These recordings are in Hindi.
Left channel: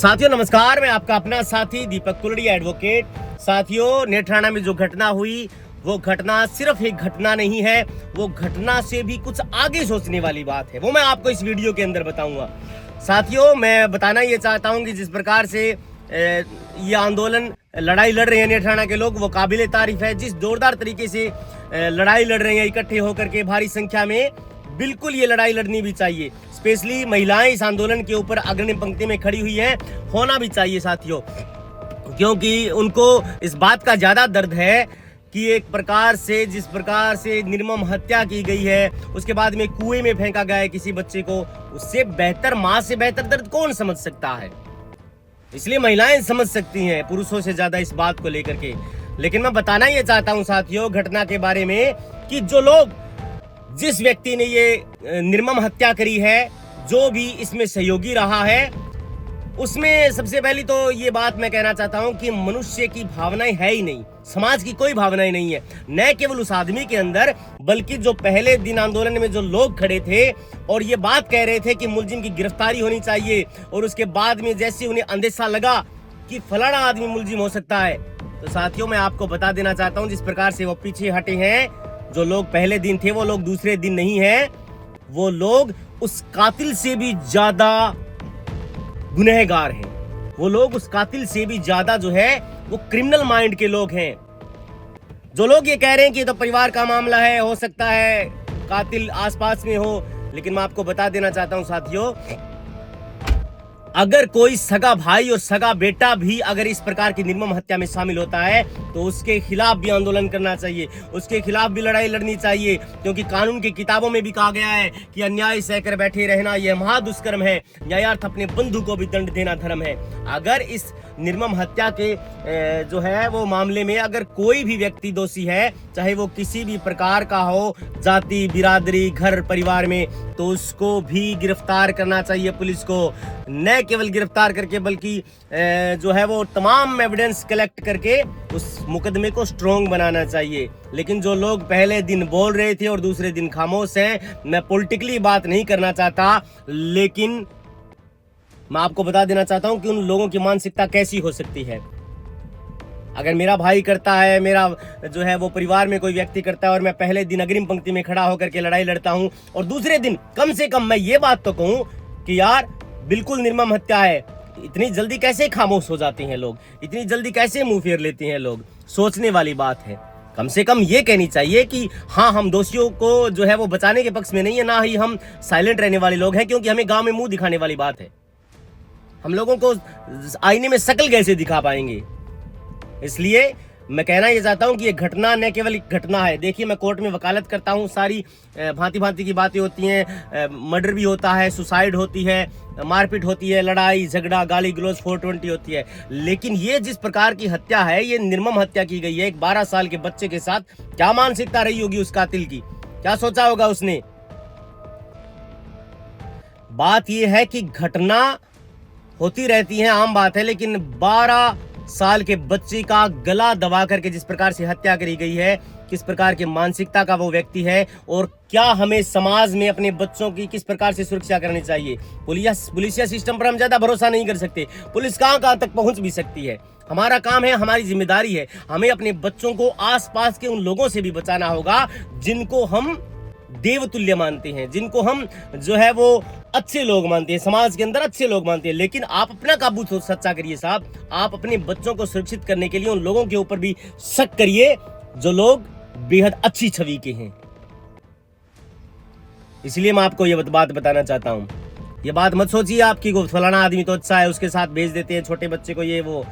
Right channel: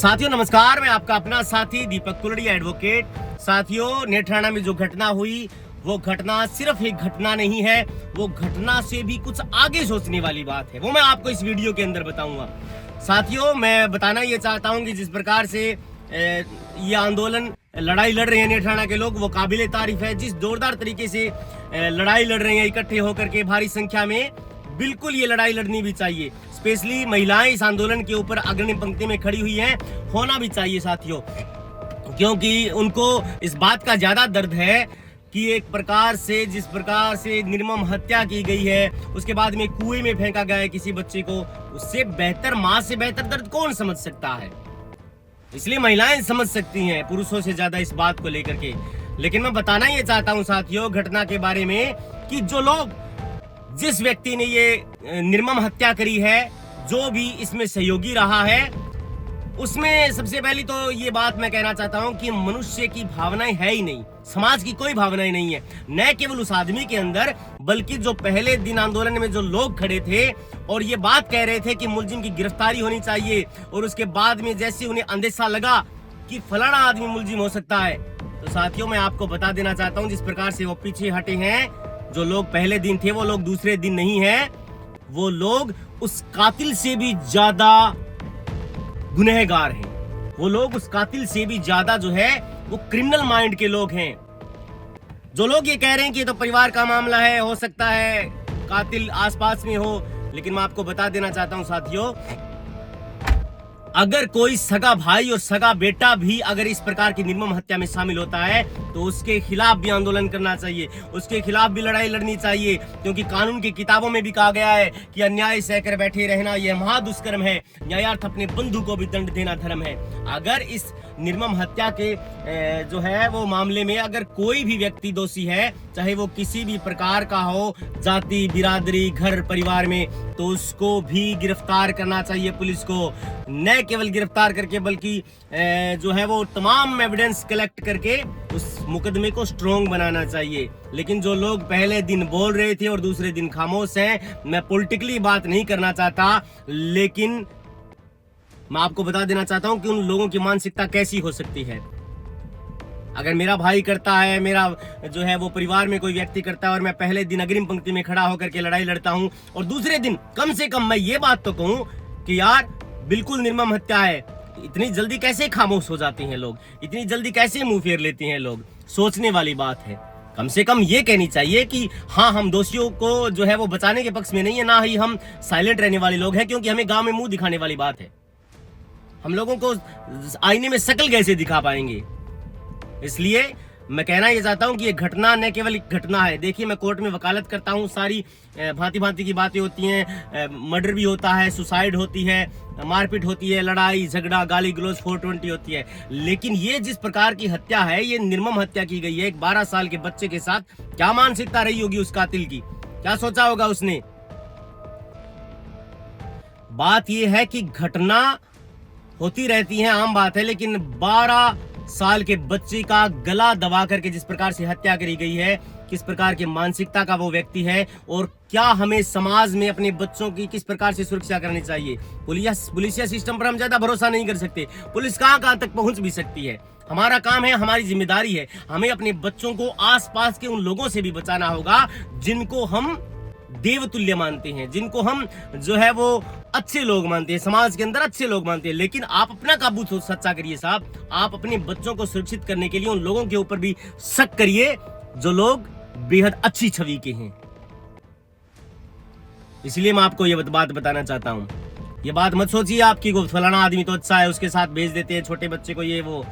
साथियों नमस्कार, मैं आपका अपना साथी दीपक कुलड़िया एडवोकेट। साथियों, नेत्राना में जो घटना हुई वो घटना सिर्फ एक घटना नहीं है, वो घटना से भी कुछ आगे सोचने वाली बात है। वो मैं आपको इस वीडियो के अंदर बताऊंगा। साथियों, मैं बताना ये चाहता हूं कि जिस प्रकार से ये आंदोलन लड़ाई लड़ रहे हैं नेत्राना के लोग, वो काबिले तारीफ है। जिस जोरदार तरीके से लड़ाई लड़ रहे हैं इकट्ठे होकर के भारी संख्या में, बिल्कुल ये लड़ाई लड़नी भी चाहिए। स्पेशली महिलाएं इस आंदोलन के ऊपर अग्रणी पंक्ति में खड़ी हुई हैं, होना भी चाहिए साथियों, क्योंकि उनको इस बात का ज्यादा दर्द है कि एक प्रकार से जिस प्रकार से निर्मम हत्या की गई है, उसके बाद में कुएं में फेंका गया है किसी बच्चे को, उससे बेहतर, मां से बेहतर दर्द कौन समझ सकता है। इसलिए महिलाएं समझ सकती हैं पुरुषों से ज्यादा इस बात को लेकर के। लेकिन मैं बताना ये चाहता हूं साथियों घटना के बारे में कि जो लोग, जिस व्यक्ति ने ये निर्मम हत्या करी है, जो भी इसमें सहयोगी रहा है, उसमें सबसे पहली तो ये बात मैं कहना चाहता हूं कि मनुष्य की भावनाएं है ही नहीं, समाज की कोई भावनाएं नहीं है। न केवल उस आदमी के अंदर, बल्कि जो पहले दिन आंदोलन में जो लोग खड़े थे और ये बात कह रहे थे कि मुलजिम की गिरफ्तारी होनी चाहिए, और उसके बाद में जैसे उन्हें अंदेशा लगा कि फलाना आदमी मुलजिम हो सकता है, तो साथियों मैं आपको बता देना चाहता हूं जिस प्रकार से वो पीछे हटे हैं, जो लोग पहले दिन थे वो लोग दूसरे दिन नहीं है। वो लोग उस कातिल से भी ज्यादा गुनहगार हैं। वो लोग उस कातिल से भी ज्यादा जो है वो क्रिमिनल माइंड के लोग हैं। जो लोग ये कह रहे हैं कि तो परिवार का मामला है, हो सकता है कातिल आसपास में हो, लेकिन मैं आपको बता देना चाहता हूं साथियों, अगर कोई सगा भाई और सगा बेटा भी अगर इस प्रकार की निर्मम हत्या में शामिल होता है तो उसके खिलाफ भी आंदोलन करना चाहिए, उसके खिलाफ भी लड़ाई लड़नी चाहिए। क्योंकि कानून की किताबों में भी कहा गया है कि अन्याय सहकर बैठे रहना यह महादुष्कर्म है, न्यायार्थ अपने बंधु को भी दंड देना धर्म है। अगर इस निर्मम हत्या के जो है वो मामले में अगर कोई भी व्यक्ति दोषी है, चाहे वो किसी भी प्रकार का हो, जाति, बिरादरी, घर परिवार में, तो उसको भी गिरफ्तार करना चाहिए पुलिस को। न केवल गिरफ्तार करके बल्कि जो है वो तमाम एविडेंस कलेक्ट करके उस मुकदमे को स्ट्रॉन्ग बनाना चाहिए। लेकिन जो लोग पहले दिन बोल रहे थे और दूसरे दिन खामोश हैं, मैं पॉलिटिकली बात नहीं करना चाहता, लेकिन मैं आपको बता देना चाहता हूं कि उन लोगों की मानसिकता कैसी हो सकती है। अगर मेरा भाई करता है, मेरा जो है वो परिवार में कोई व्यक्ति करता है, और मैं पहले दिन अग्रिम पंक्ति में खड़ा होकर के लड़ाई लड़ता हूं, और दूसरे दिन कम से कम मैं ये बात तो कहूं कि यार बिल्कुल निर्मम हत्या है, इतनी जल्दी कैसे खामोश हो जाते हैं लोग, इतनी जल्दी कैसे मुंह फेर लेते हैं लोग, सोचने वाली बात है। कम से कम ये कहनी चाहिए कि हाँ, हम दोषियों को जो है वो बचाने के पक्ष में नहीं है, ना ही हम साइलेंट रहने वाले लोग हैं, क्योंकि हमें गांव में मुंह दिखाने वाली बात है। हम लोगों को आईने में शक्ल कैसे दिखा पाएंगे। इसलिए मैं कहना ये चाहता हूं कि ये घटना न केवल एक घटना है। देखिए, मैं कोर्ट में वकालत करता हूं, सारी भांति भांति की बातें होती हैं, मर्डर भी होता है, सुसाइड होती है, मारपीट होती है, लड़ाई झगड़ा, गाली गलौज 420 होती है। लेकिन ये जिस प्रकार की हत्या है, ये निर्मम हत्या की गई है एक 12 साल के बच्चे के साथ। क्या मानसिकता रही होगी उस कातिल की, क्या सोचा होगा उसने। बात यह है कि घटना होती रहती है, आम बात है, लेकिन 12 साल के बच्चे का गला दबा करके जिस प्रकार से हत्या करी गई है, किस प्रकार की मानसिकता का वो व्यक्ति है, और क्या हमें समाज में अपने बच्चों की किस प्रकार से सुरक्षा करनी चाहिए। पुलिसिया सिस्टम पर हम ज्यादा भरोसा नहीं कर सकते। पुलिस कहां तक पहुंच भी सकती है। हमारा काम है, हमारी जिम्मेदारी है, हमें अपने बच्चों को आसपास के उन लोगों से भी बचाना होगा जिनको हम देवतुल्य मानते हैं, जिनको हम जो है वो अच्छे लोग मानते हैं, समाज के अंदर अच्छे लोग मानते हैं। लेकिन आप अपना काबू सच्चा करिए साहब, आप अपने बच्चों को सुरक्षित करने के लिए उन लोगों के ऊपर भी शक करिए जो लोग बेहद अच्छी छवि के हैं। इसलिए मैं आपको ये बात बताना चाहता हूं। ये बात मत सोचिए आपकी को फलाना आदमी तो अच्छा है, उसके साथ भेज देते हैं छोटे बच्चे को, ये वो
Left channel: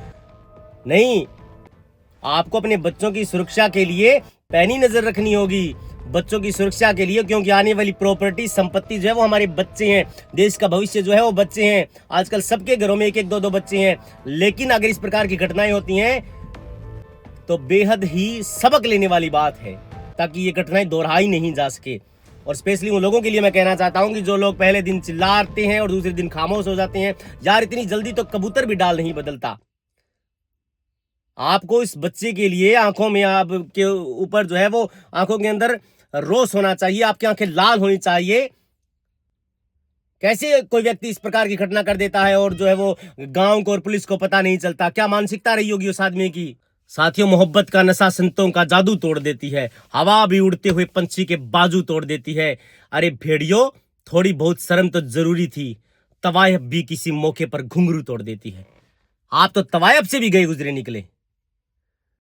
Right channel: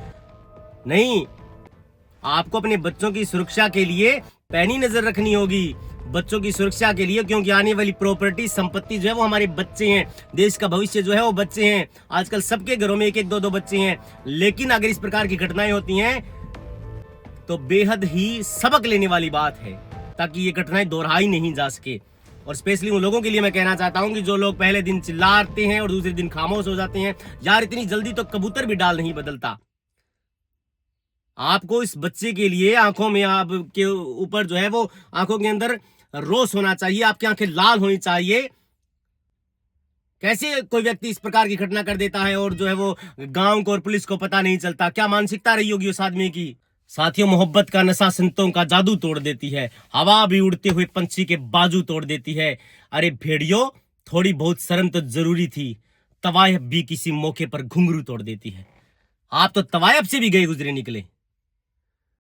नहीं। आपको अपने बच्चों की सुरक्षा के लिए पैनी नजर रखनी होगी, बच्चों की सुरक्षा के लिए, क्योंकि आने वाली प्रॉपर्टी, संपत्ति जो है वो हमारे बच्चे हैं, देश का भविष्य जो है वो बच्चे हैं। आजकल सबके घरों में 1-1, 2-2 बच्चे हैं। लेकिन अगर इस प्रकार की घटनाएं होती हैं तो बेहद ही सबक लेने वाली बात है, ताकि ये घटनाएं दोहराई नहीं जा सके। और स्पेशली उन लोगों के लिए मैं कहना चाहता हूं कि जो लोग पहले दिन चिल्लाते हैं और दूसरे दिन खामोश हो जाते हैं, यार इतनी जल्दी तो कबूतर भी डाल नहीं बदलता। आपको इस बच्चे के लिए आंखों में, आपके ऊपर जो है वो आंखों के अंदर रोष होना चाहिए, आपकी आंखें लाल होनी चाहिए, कैसे कोई व्यक्ति इस प्रकार की घटना कर देता है और जो है वो गांव को और पुलिस को पता नहीं चलता? क्या मानसिकता रही होगी उस आदमी की? साथियों, मोहब्बत का नशा संतों का जादू तोड़ देती है, हवा भी उड़ते हुए पंछी के बाजू तोड़ देती है। अरे भेड़ियों, थोड़ी बहुत शर्म तो जरूरी थी, तवायफ भी किसी मौके पर घुंघरू तोड़ देती है। आप तो तवायफ से भी गए गुजरे निकले।